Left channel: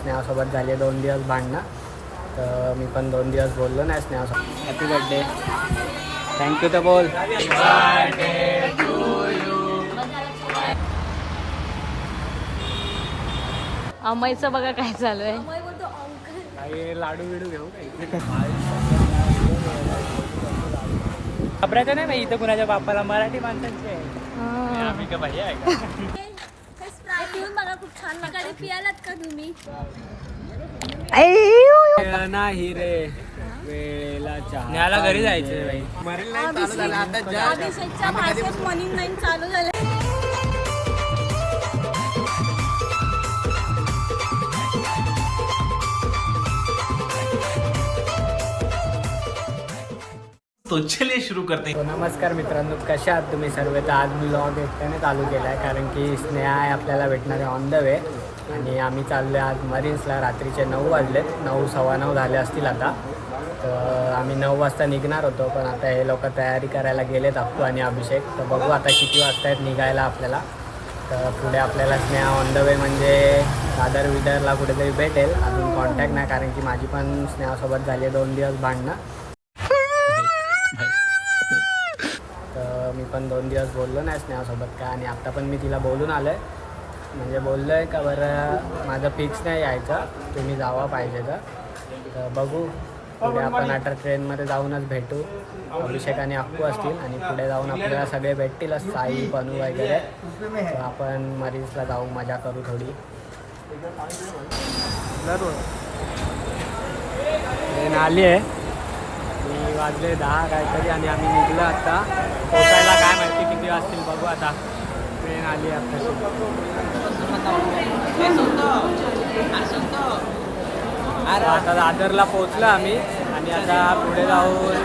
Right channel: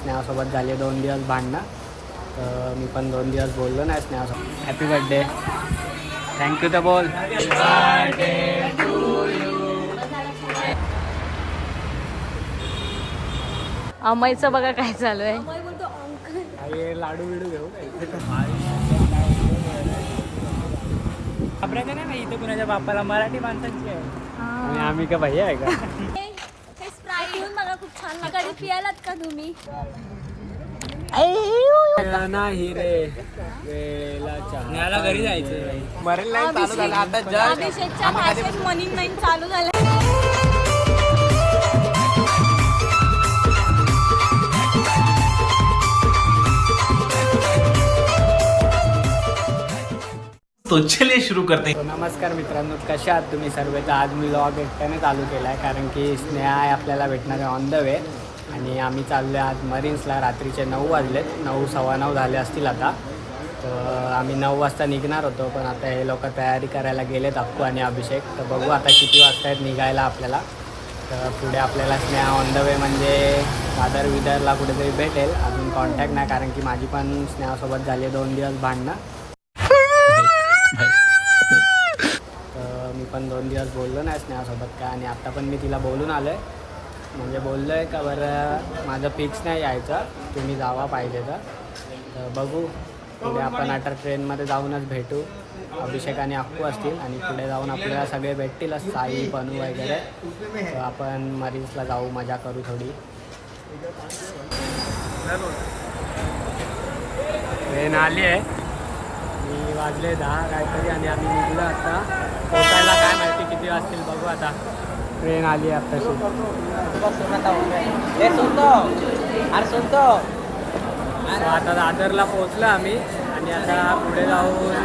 स्नेहासोबत झाले 2 दिवस भांडणं, तर मी पण 2 दिवस बोललो नाही स्नेहासोबत. हॅपी बर्थडे, थँक्यू तर बोल. अमयचं बघा काय चालू आहे. काही लाडू बिडू घेऊ घाबरायचं नाही बाई, इथं कुणाच्या बापाला मराठी माणसांची आहे. आम्ही का भैया आहे का? बघा खूप छान लागतं. पियालात का तुम्ही? नाही रे वेळेला चहा. न्यायला घरी जायचं बाई. अभिषेकच्या भाषेत मनी नाही चालू झालं. तो चलिए शुरू करते हैं. नमस्कार मित्रांनो, कशा आहात तुम्ही सर्व? तर आज मी व्लॉग एकट्याने चालू केला आहे कारण की स्नेहा आहे आपल्याला भेटणार आहे ऑन द वे. आणि आम्ही चाललो आहे आज मरीन्सला. रात्रीचे 9 वाजलेत, 9 सव्वा 9 झाले असतील आता. तर आम्ही 9 वाजता निघणार होतो, पण आता हे लोक तयारी करायला गेलेत, अक्कू आणि अभिषेक. तर बघू आता किती वाजता आहेत निघायला आपल्याला. तर पुढे आपल्याला स्नेहा ऑन द वे म्हणजे दादर विदरला कुठेतरी भेटेल. अजून कॉन्टॅक्ट नाही कारण की माझी पण स्नेहासोबत झाली 2 दिवस भांडणं. तर मी पण 2 दिवस बोललो नाही स्नेहासोबत काय. आणि आत्ता पण मी तिला बोलून आलो आहे, म्हणजे बोललो आहे का बरं माझं फिक्स नाही यायचं, तुम्ही जावा पाहिजे तर बघू. पुढे आपण आता ट्रेनमध्ये जाऊनच भेटू. अभिषेक आणि अक्कू असतील आणि पुढे जाऊन आपल्याला सगळे भेटतीलच, साई पनू वगैरे. तर आपण मरीन्सला जाऊ, मजा करू थोडी. ट्रेन आली आहे, मी वाजले 10 काहीतरी आणि आम्ही निघलो आता. पोचायला काय माहिती किती वाजतील बघू आता. ट्रेन आली आहे आत्ताशी. आता दादरला पोचलो आम्ही आणि आता पुढे जाऊन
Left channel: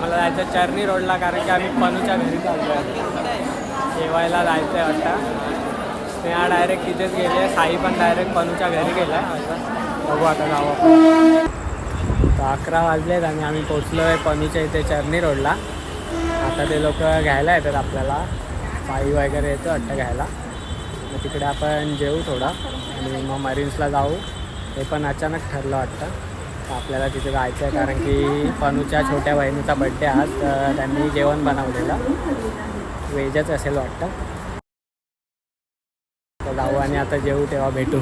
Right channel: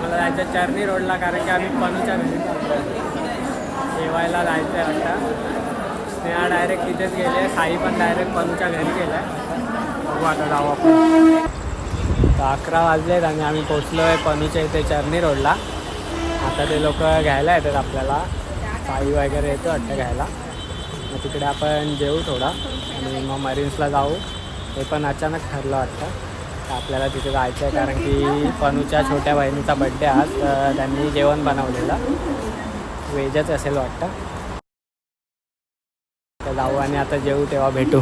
मला जायचं चर्नी रोडला कारण की आम्ही पनूच्या घरी चाललो आहे. जेवायला जायचं आहे वाटतं. स्नेहा डायरेक्ट तिथेच गेली आहे, साई पण डायरेक्ट पनूच्या घरी गेला आहे. बघू आता जाऊ आपण. तर 11 वाजलेत आणि आम्ही पोचलो आहे पनूच्या इथे चर्नी रोडला. आता ते लोक घ्यायला येतात आपल्याला, साई वगैरे येतो वाटतं घ्यायला. मग तिकडे आपण जेवू थोडा आणि मग मरीन्सला जाऊ. हे पण अचानक ठरलं वाटतं, तर आपल्याला तिथे जायचं आहे कारण की पनूच्या छोट्या बहिणीचा बड्डे आज. तर त्यांनी जेवण बनवलेलं, व्हेजच असेल वाटतं. तर जाऊ आणि आता जेवू तेव्हा भेटू.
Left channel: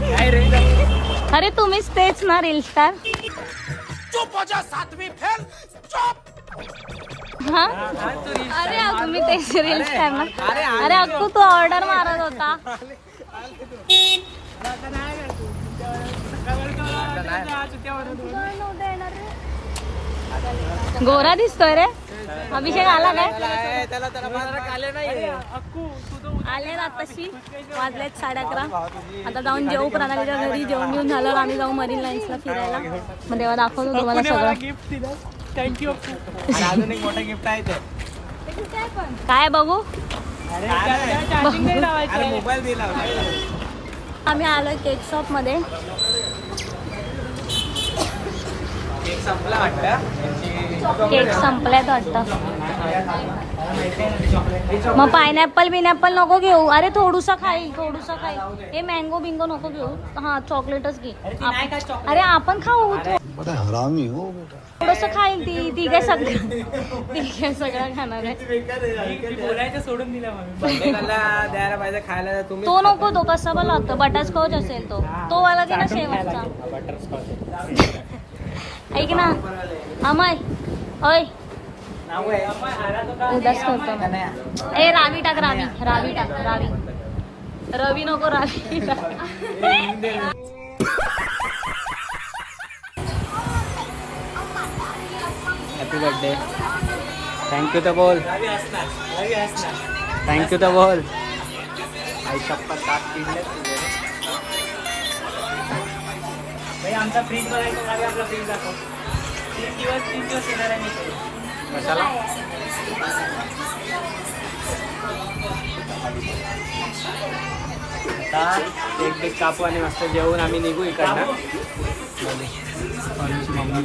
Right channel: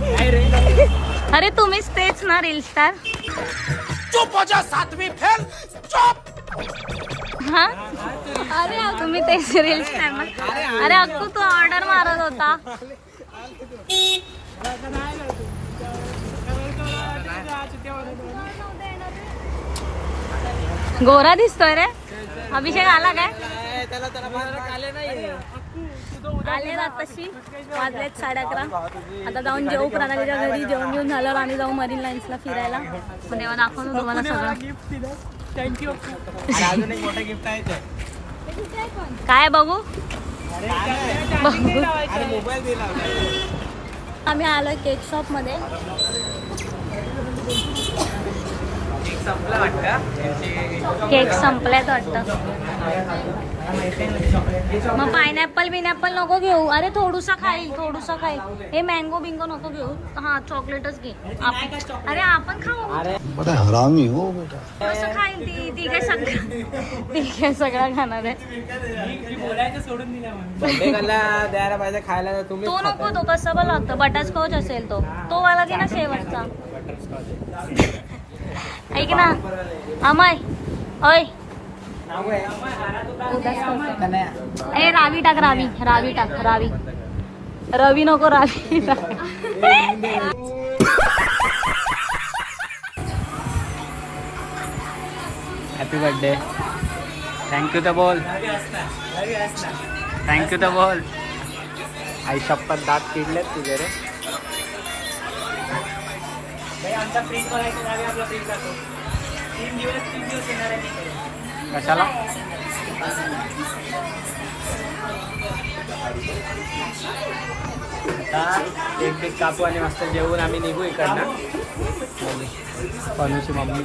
काय रे? अरे तुम्हीच तेच ना रील स्टार. चुप हो जा, 7वीं फेल. चुप. हा अरे तुम्ही तेच रील स्टार ना. अरे अक्कू तू ऑर्डर मारत होता. गोरा दिसतोय रे. अभिषेक आला काय? आले ना तशी. वाजलेत 11:30. आता जाऊन जेवू प्रणालीच्या घरी. जेवण घेऊन झालं आम्ही जाऊ मरीन लाईन्सला फिरायला. मग तेव्हा दाखवतो तुम्हाला सगळं. थँक्यू. अजून एक मोठं गिफ्ट आहे ते. काय बघू? अरे मोबाईल दिला. आम्ही आलोय केक शॉप मध्ये. केक संपल्यात वाटतं. मग पायनॅपल बिनॅपल नको घेऊ. अरे थोडूसा खाईल. हे मँगो बिंगो नको घेऊ. हा चॉकलेटच घे. अरे आपण खाऊ. बड़ा हरामी हो बेटा. थोडंसं खाईल ती काय सगळं खाणार आहे. बोलायचं सोडून दिला द्यायला पाहिजे खायला. तुम्ही तो नको. तो कसा पण लागतं. बटरस्कॉच असेल तो वाला घे ना शेवटचा. ऐक ना अमय, ओय ए रावी टाक. रवी नको, रावी टाक. हॅपी बर्थडे, थँक्यू तर बोल. थँक्यू तर बोल. आई शपथ दात किडलेत तुझे रे. भाई आमचा फ्रीज बघायचा जागा आपला फ्रीज दाखव. 3 दिवस येणार आहे मी. कशाला? आता केक कापू आणि मस्त जेवून आम्ही निघू इकडनं. पनूची मम्मी.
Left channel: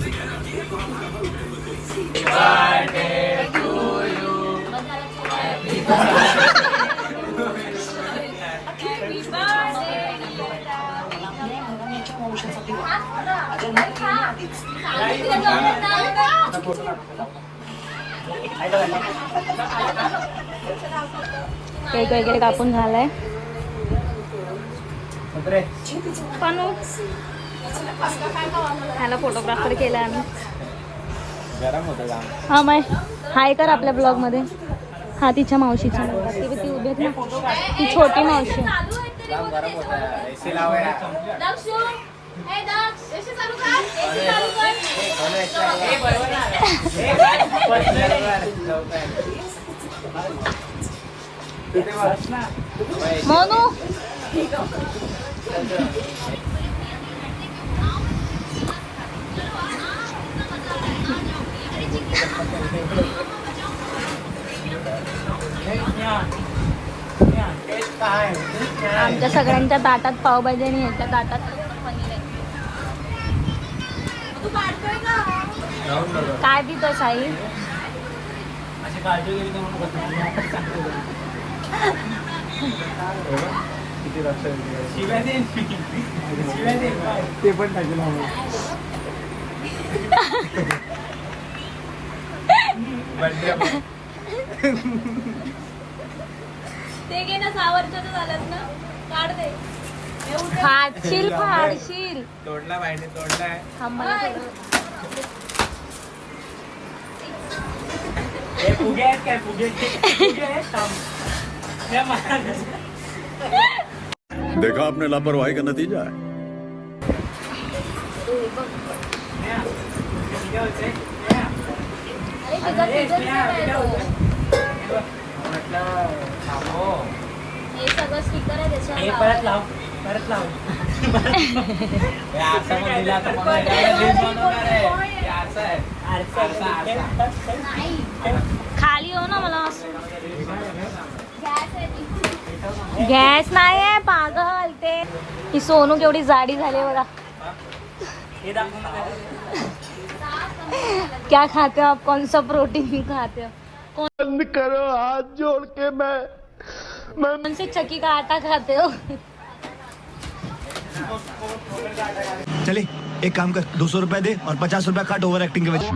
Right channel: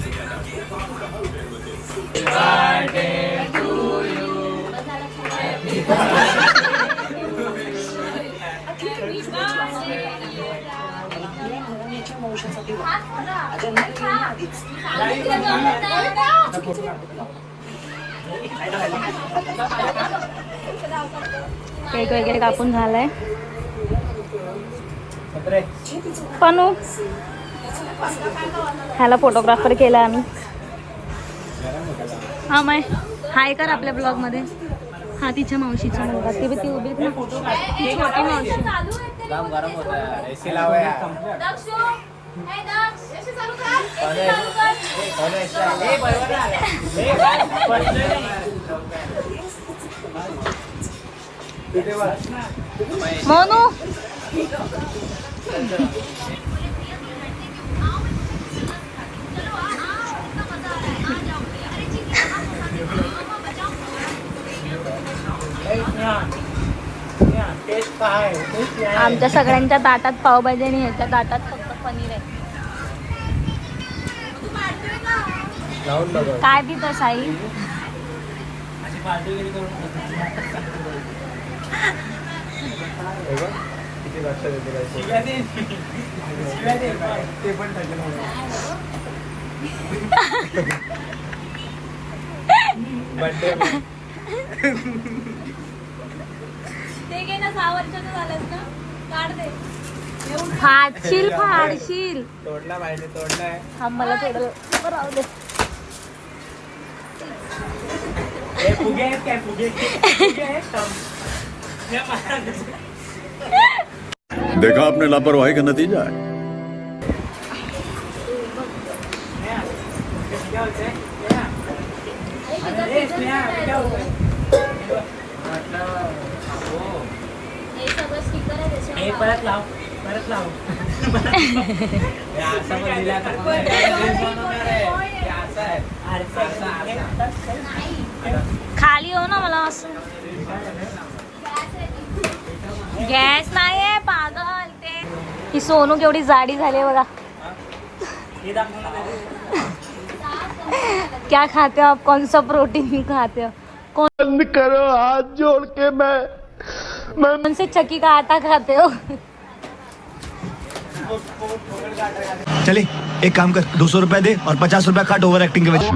केक वगैरे कापून झालाय. पण ह्याला फोटोग्राफर केला आम्ही. हा माय हाय कर आपल्या ब्लॉग मध्ये. हा तिच्या मावशीचा मुलगा. ती उभी आहेत ना, ती छोटी मावशी. मोनू आमच्या सगळ्यांच्या ताटात पावभाजी आणि ह्याच्या ताटात फक्त पनीर आहे. काय पितो साई? ते घे ना, 6 वर्षाचं झालं ना, काढ दे. फाडशील फाडशील. तोडला पाहिजे, तोडला. हा मला थोडं राहू दे. फुगे आहेत काय? फुगे देखा आपने लापरवाही का नतीजा है. हे सगळं स्टिकर आहे त्याच्यावर. हे परत लाव, परत लाव. खाली हो ना, मला असं गॅस नाही आहे पागल. ते ही सोनू केवढी जाडी झाली बघा. क्या खाते हो आप? कौन सा प्रोटीन खाते हो? बंद करो हाथ जोड़ के. मैं कौन से चक्की का आटा खाते हो? चले एक काम कर, 200 रुपया दे और 50 रुपया काट ओवर एक्टिंग के वजह.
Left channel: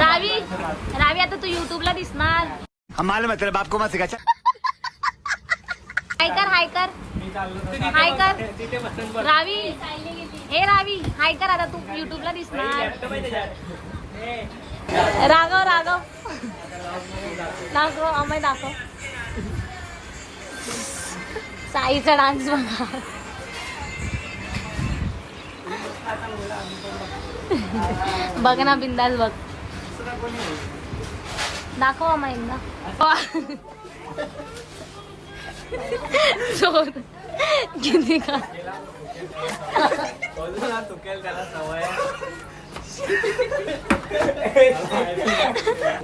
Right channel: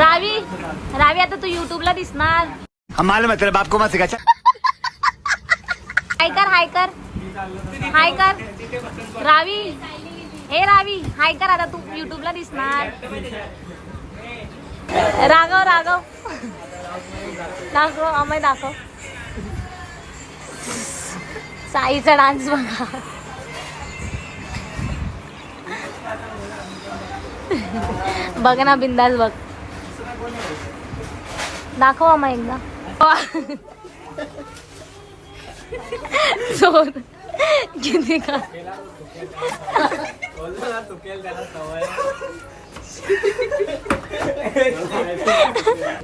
रावी रावी आता तू युट्यूबला दिसणार. हम मालूम है तेरे बाप को मत सिखा. हाय कर, हाय कर, हाय कर. रावी, हे रावी हाय कर. आता तू युट्यूबला दिसणार. राघव राघव दाखव, अमय दाखव. साईचा डान्स बघा. बघ ना, बिंदास बघ. दाखव अमय एकदा. जोर किती का.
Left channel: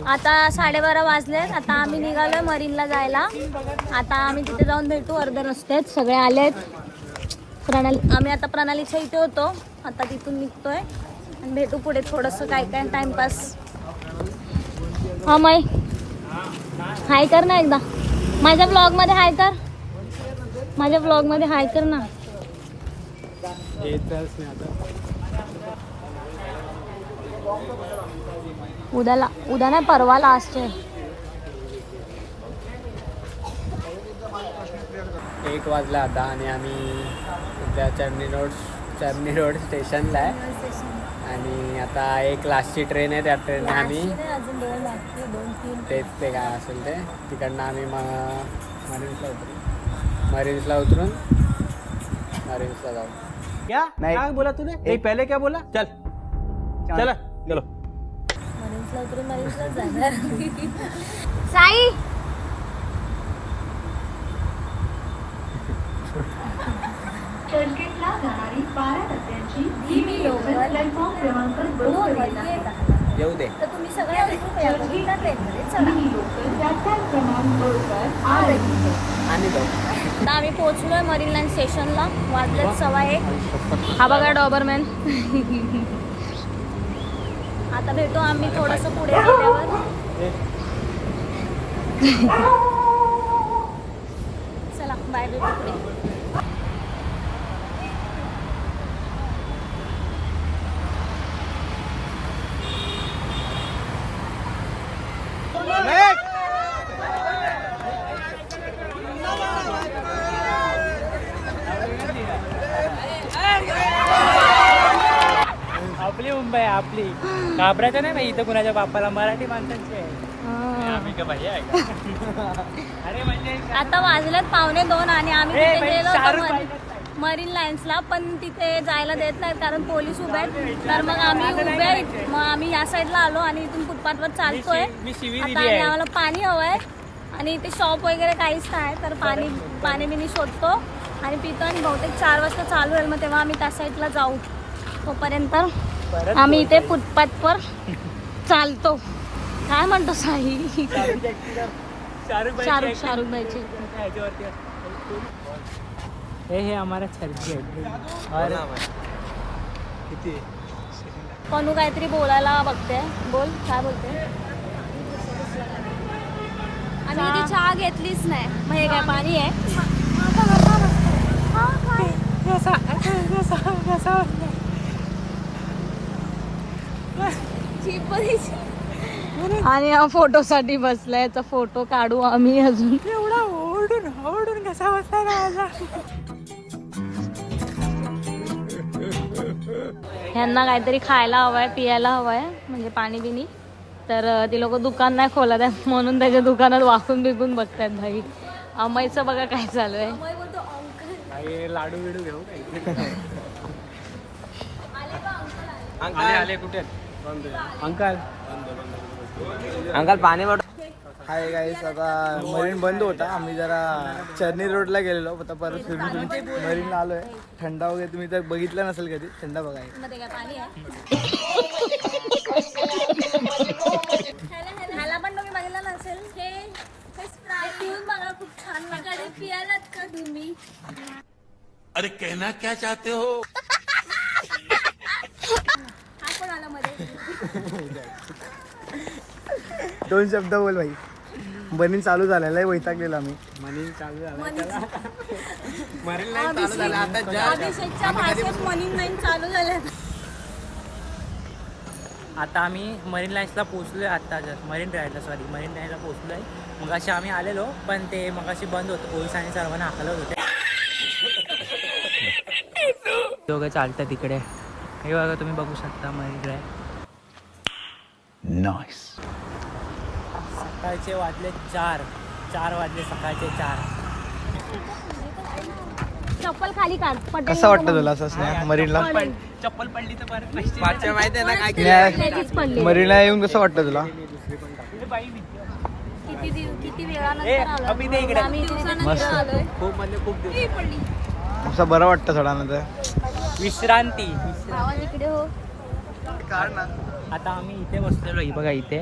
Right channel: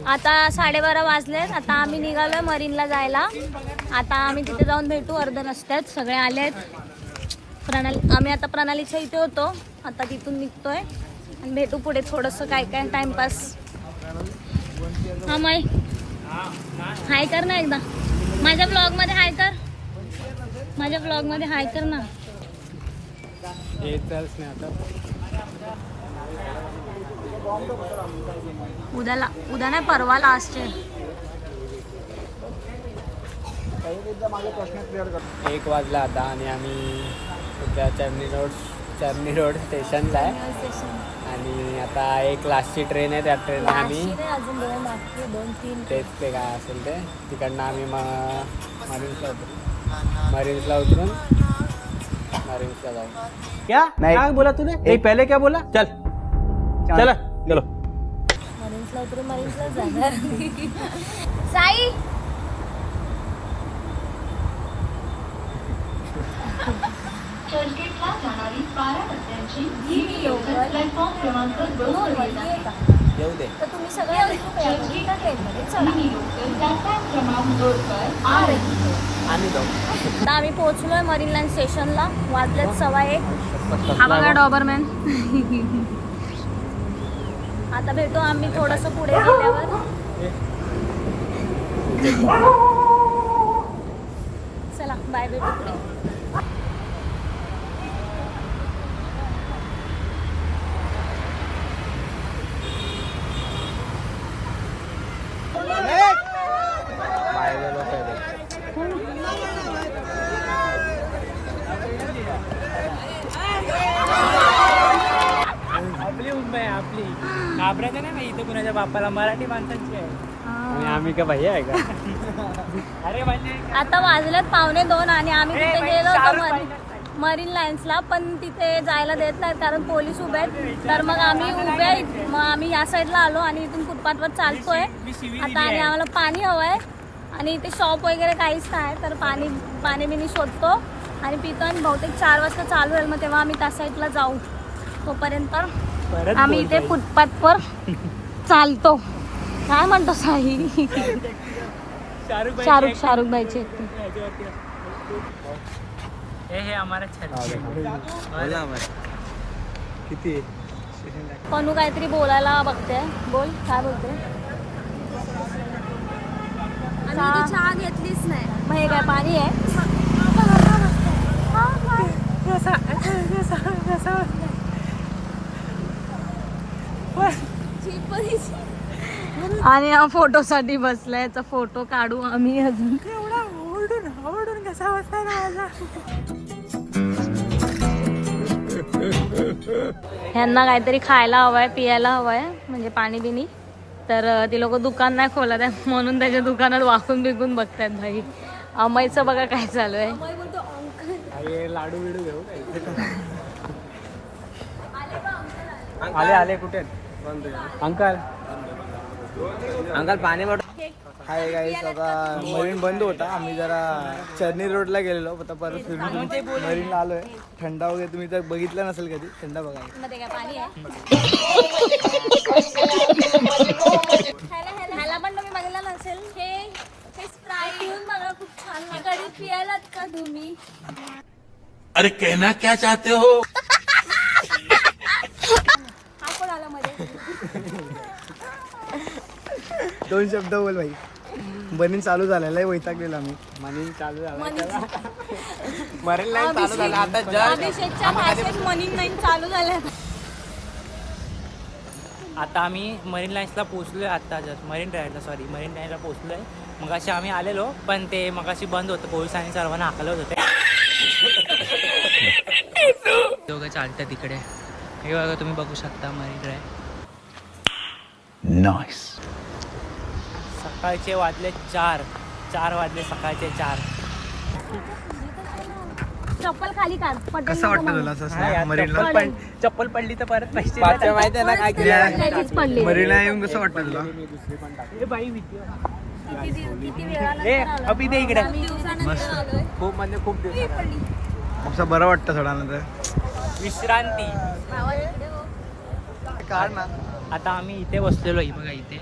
आता 12:30 वाजलेत. आता आम्ही निघालोय मरीनला जायला. आता आम्ही तिथे जाऊन भेटू. अर्ध रस्त्यात सगळे आलेत. आम्ही आता प्रणालीच्या इथे होतो. आता तिथून निघतोय आणि भेटू पुढे. थोडंसं काय काय टाइमपास. हा माई हाय कर ना एकदा. माझ्या ब्लॉग मध्ये हाय कर. माझ्या ब्लॉग मध्ये हाय कर ना. उद्या नाही, परवा लास्ट आहे. 1 वाजला आता आणि आम्ही उद्या चर्नी रोड स्टेशनला आहे. आणि आता एक लास्टची ट्रेन आहे. त्या ट्रेनला आम्ही अजून 2 बाकी आहे, 2-3. तेच ते काय असेल ते तिकडनं आम्ही मरीन्सला उतरून मरीन्सला जाऊ. क्या क्या बोला तूने? एक पहले क्या बोला? चल चला चलो. मरीन्सला उतरून मरीन्सलाच जाणार. साई चर्चगेटला जाणारी 12 टप्प्यांची ही लोकल प्लॅटफॉर्म क्रमांक 2 येऊ दे. तर तुम्ही सगळ्या कृपया करून त्या ट्रेनमध्ये चढा. ही लोकल प्लॅटफॉर्म क्रमांक 2 पर आ रही है. आणि जाऊ. आता आम्ही पोहोचलोय मरीन लाईन स्टेशनला. वाजलेत 1:15. हा बघा डॉबरमॅन. आता भेटू आम्ही थोडंसं पुढे गेल्यावर. चला बाय, भेटू पुढे. आपली मुंबई आहे, आपली. घाबरायचं नाही बाई, इथं कुणाच्या बापाला, मराठी माणसांची आहे. आम्ही का भाई आहे का? अरे म्हणजे आता वाजलेत 1:45 आणि आम्ही तिथे गेलो होतो मरीन लाईन्सला, पण तिथे जायला देत नाहीत कारण पोलीस उभे आहेत. तर मग आम्ही उभे आहेत, मग आम्ही या साईडला आलो आणि इथून फुटपाथवर चालतोय आता. आणि आम्हाला पाणी हवंय आणि इथे शॉप वगैरे काहीच नाही, तर पाणी बिनी शोधतो आणि पितो आणि बहुतेक 4 वाजता चालू होईल, मग तेव्हा आम्ही त्या साईडला जाऊ. तोपर्यंत आम्ही इथे फुटपाथवर चालतो. काय म्हणतो साई? शाहरुख बाईची हे आम्हाला किती पनू काहीतरी बोलायला बघते. बोल, काय बोलते? आम्ही इथे चहा घेतलीच नाही. मग हे काय पाणी आहे? आणि हा फोटोसाठी बसलाय, तर फोटो काढू आम्ही अजून. आवडून कसा बसला माझा. ह्यांना काहीतरी खायला हवंय, पियायला हवंय, म्हणजे पाणी बिनी. तर ती लोक दुकान नाही खोलत आहे म्हणून त्याच्या दुकानात वाकून बिकून बघतात. भाई अमयचं बघा काय चालू आहे. लाडू बिडू घेऊ आले कुठे अंकल पाणी हाय गाईस. आता मरीन बंद होता, आम्ही जरा चर्नी रोडला गेलेलो, आता परत फिरून मरीनला आलोय. थंडा वगैरे तुम्ही तर बघितलं नसेल कधी, थंडा बघा. मध्ये काय पाणी आहे? ह्याला पण तुम्ही बघितलं नसेल. हे पिऊन मला खूप छान कधी पियालात का तुम्ही? अरे कहना क्या चाहते हो? हा कोण आला मध्ये? 2 शब्द बोल भाई. बनीन चालू झालेला आहे, वैतागलेलो आम्ही. मनी चालू झाला अभिषेकच्या भाषेत मनी नाही चालू झालं. आता आम्ही मरीन लाईन्सला पोहोचलोय. आता जस्ट मरीन ड्राईव्हला पोहोचलोय. मग अशी आम्ही आलेलो, पण ते मग अशी बंद होतं, पोलिसांनी सर्वांना हाकलत होते. दोघं चालतात तिकडे. हे बघा, तुम्ही बघू शकता मरीन ड्राईव्ह. नाइस. सकाळचे वाजले 4 वाजले, सकाळचे 4. चप्पल खाली काढ. कसं वाटतं तुला असं मरीनला? चप्पल पडली तर परत पैसे माहिती आहे ना काय मरीनला येऊन कसं वाटतं तुला? किती वेळानंतर आलो आम्ही. दिवसानंतर खूप म्हणजे खूप दिवस. असं बरं वाटतं थोड्यानंतर. विश्रांती. आता आम्ही इथे बसलेलो आहे बघा, इथे.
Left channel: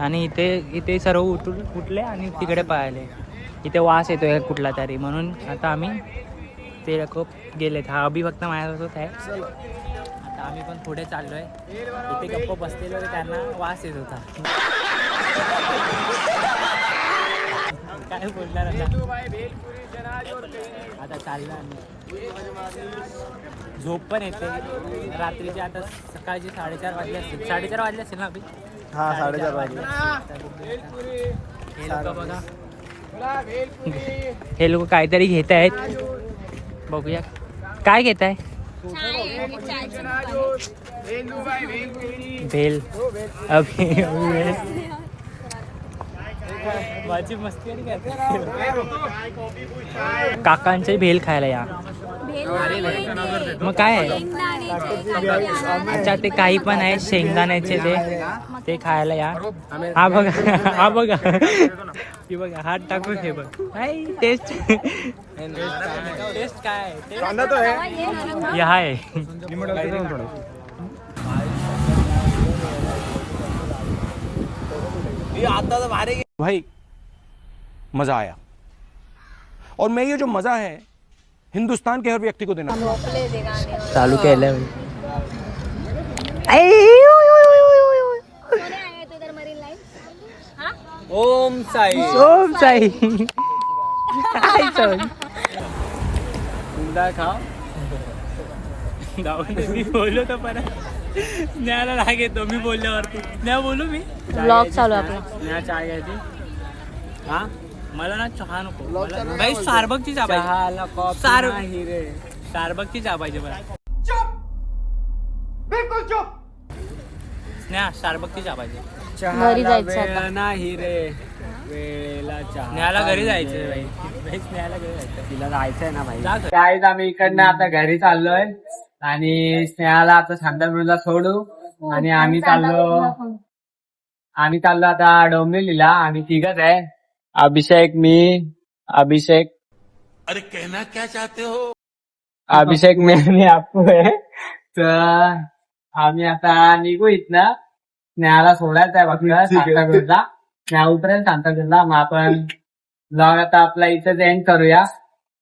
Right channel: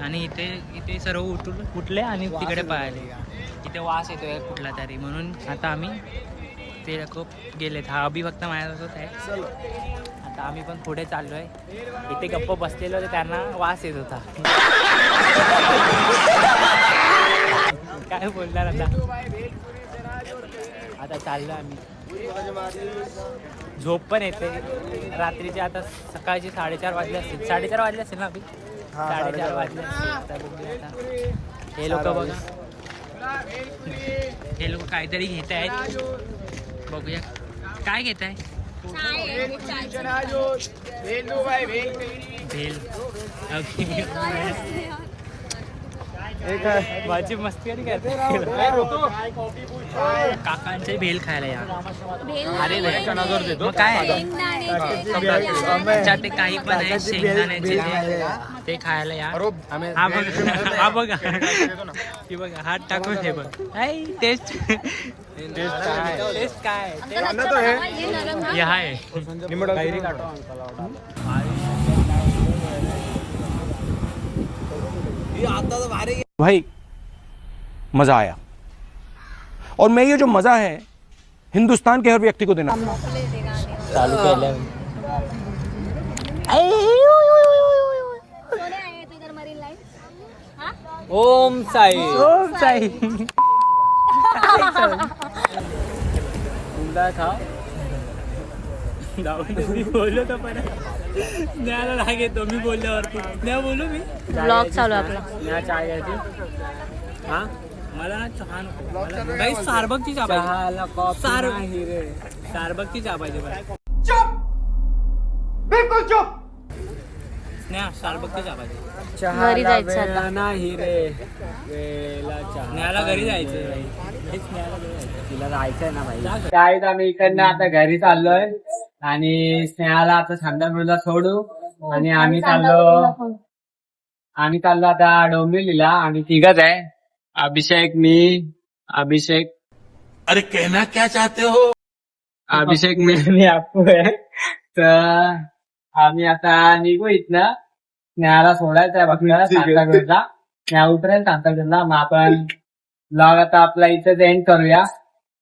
आणि इथे सर्व उठले आणि तिकडे पळाले. इथे वास येतोय कुठला तरी, म्हणून आता आम्ही ते लोक गेलेत. हा अभि फक्त माझ्यासोबत आहे. आता आम्ही पण पुढे चाललोय. इथे गप्प बसलेलो होते, त्यांना वास येत होता. काय बोलणार आता चाललो आम्ही. झोप पण येते रात्रीचे. आता सकाळचे 4:30 वाजले असतील. 4:30 वाजले असतील ना अभि? 4:30 वाजले असतील. हे लोक बघा, हे लोक काहीतरी घेत आहेत. बघूया काय घेत आहे. भेल. अभि माझी मस्ती आणि काय काकांचे भेल खायला या. मग काय आहे? अच्छा, ते काही पण आहे शेंगदाण्याचे, ते खायला या. हा बघा की बघा, हात टाकून हे बघ. टेस्ट काय आहे? भाई मजा आया, और मैं ये जो मजा है हिंदुस्तान के हर व्यक्ति को देना. चालू केलं. सोने आए तो इधर मरीन लाइन. हाँ ओम साई ओम साई. उमदा खा मी बोललो तर परत स्नेहाला राग येतो मी बोलल्यावरती. स्नेहा बोलू मी. ब्लॉग चालू आहे आपला. स्नेहा चाय घ्यायची. हा मला ना चहा नको. काही स्टारबकची चहा पाहिजे. चहाला कॉफी सार- नाही रे. स्टारबकची चहा पाहिजे मला. स्नेहा स्टारबकची चहा पाहिजे. घरी चहाला जायचं वेळ आता. नाही रे. वेळेला चहा स्नेहाला घरी पाहिजे. जायचंय भाई. स्नेहाला घरी जायचंय. तिला जायचंय ना भाई. जा घरी. त्यावेळेस आम्ही इकडनं आता घरी चाललोय आणि स्नेहाला आता शांतापूरला सोडू आणि आम्ही चाललो आता डोंबिवलीला. आम्ही तिघच आहे. अभिषेक, मी, अभिषेक अरे कहना क्या चाहते हो? अभिषेक मी आपको आहे. तर आम्ही आता निघू इथनं. स्नेहाला सोडायचं आहे फक्त सांताक्रूजला. स्नेहा उतरेल सांताक्रूजला. मग आपण लॉग आता आपला इथेच एंड करूया.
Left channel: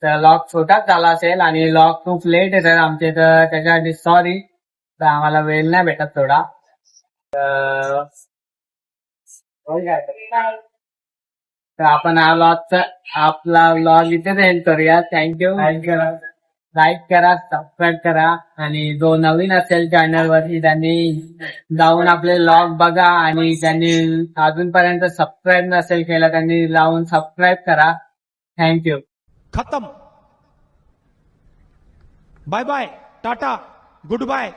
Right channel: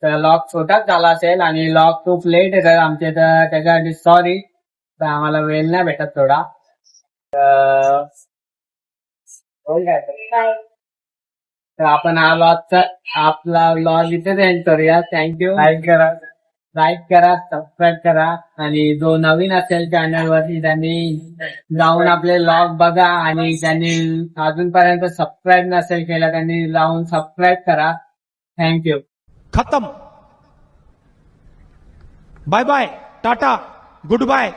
तर लॉग छोटाच झाला असेल आणि लॉग खूप लेट येतात आमचे, तर त्याच्यासाठी सॉरी. तर आम्हाला वेळ नाही भेटत थोडा. तर आपण आपला व्लॉग इथेच एंड करूया. थँक्यू. लाईक करा, सबस्क्राईब करा आणि जो नवीन असेल चॅनल वरती त्यांनी जाऊन आपले व्लॉग बघा आणि त्यांनी अजूनपर्यंत सबस्क्राईब नसेल केलं त्यांनी जाऊन सबस्क्राईब करा. थँक्यू. खत्म. Bye bye, tata, good bye.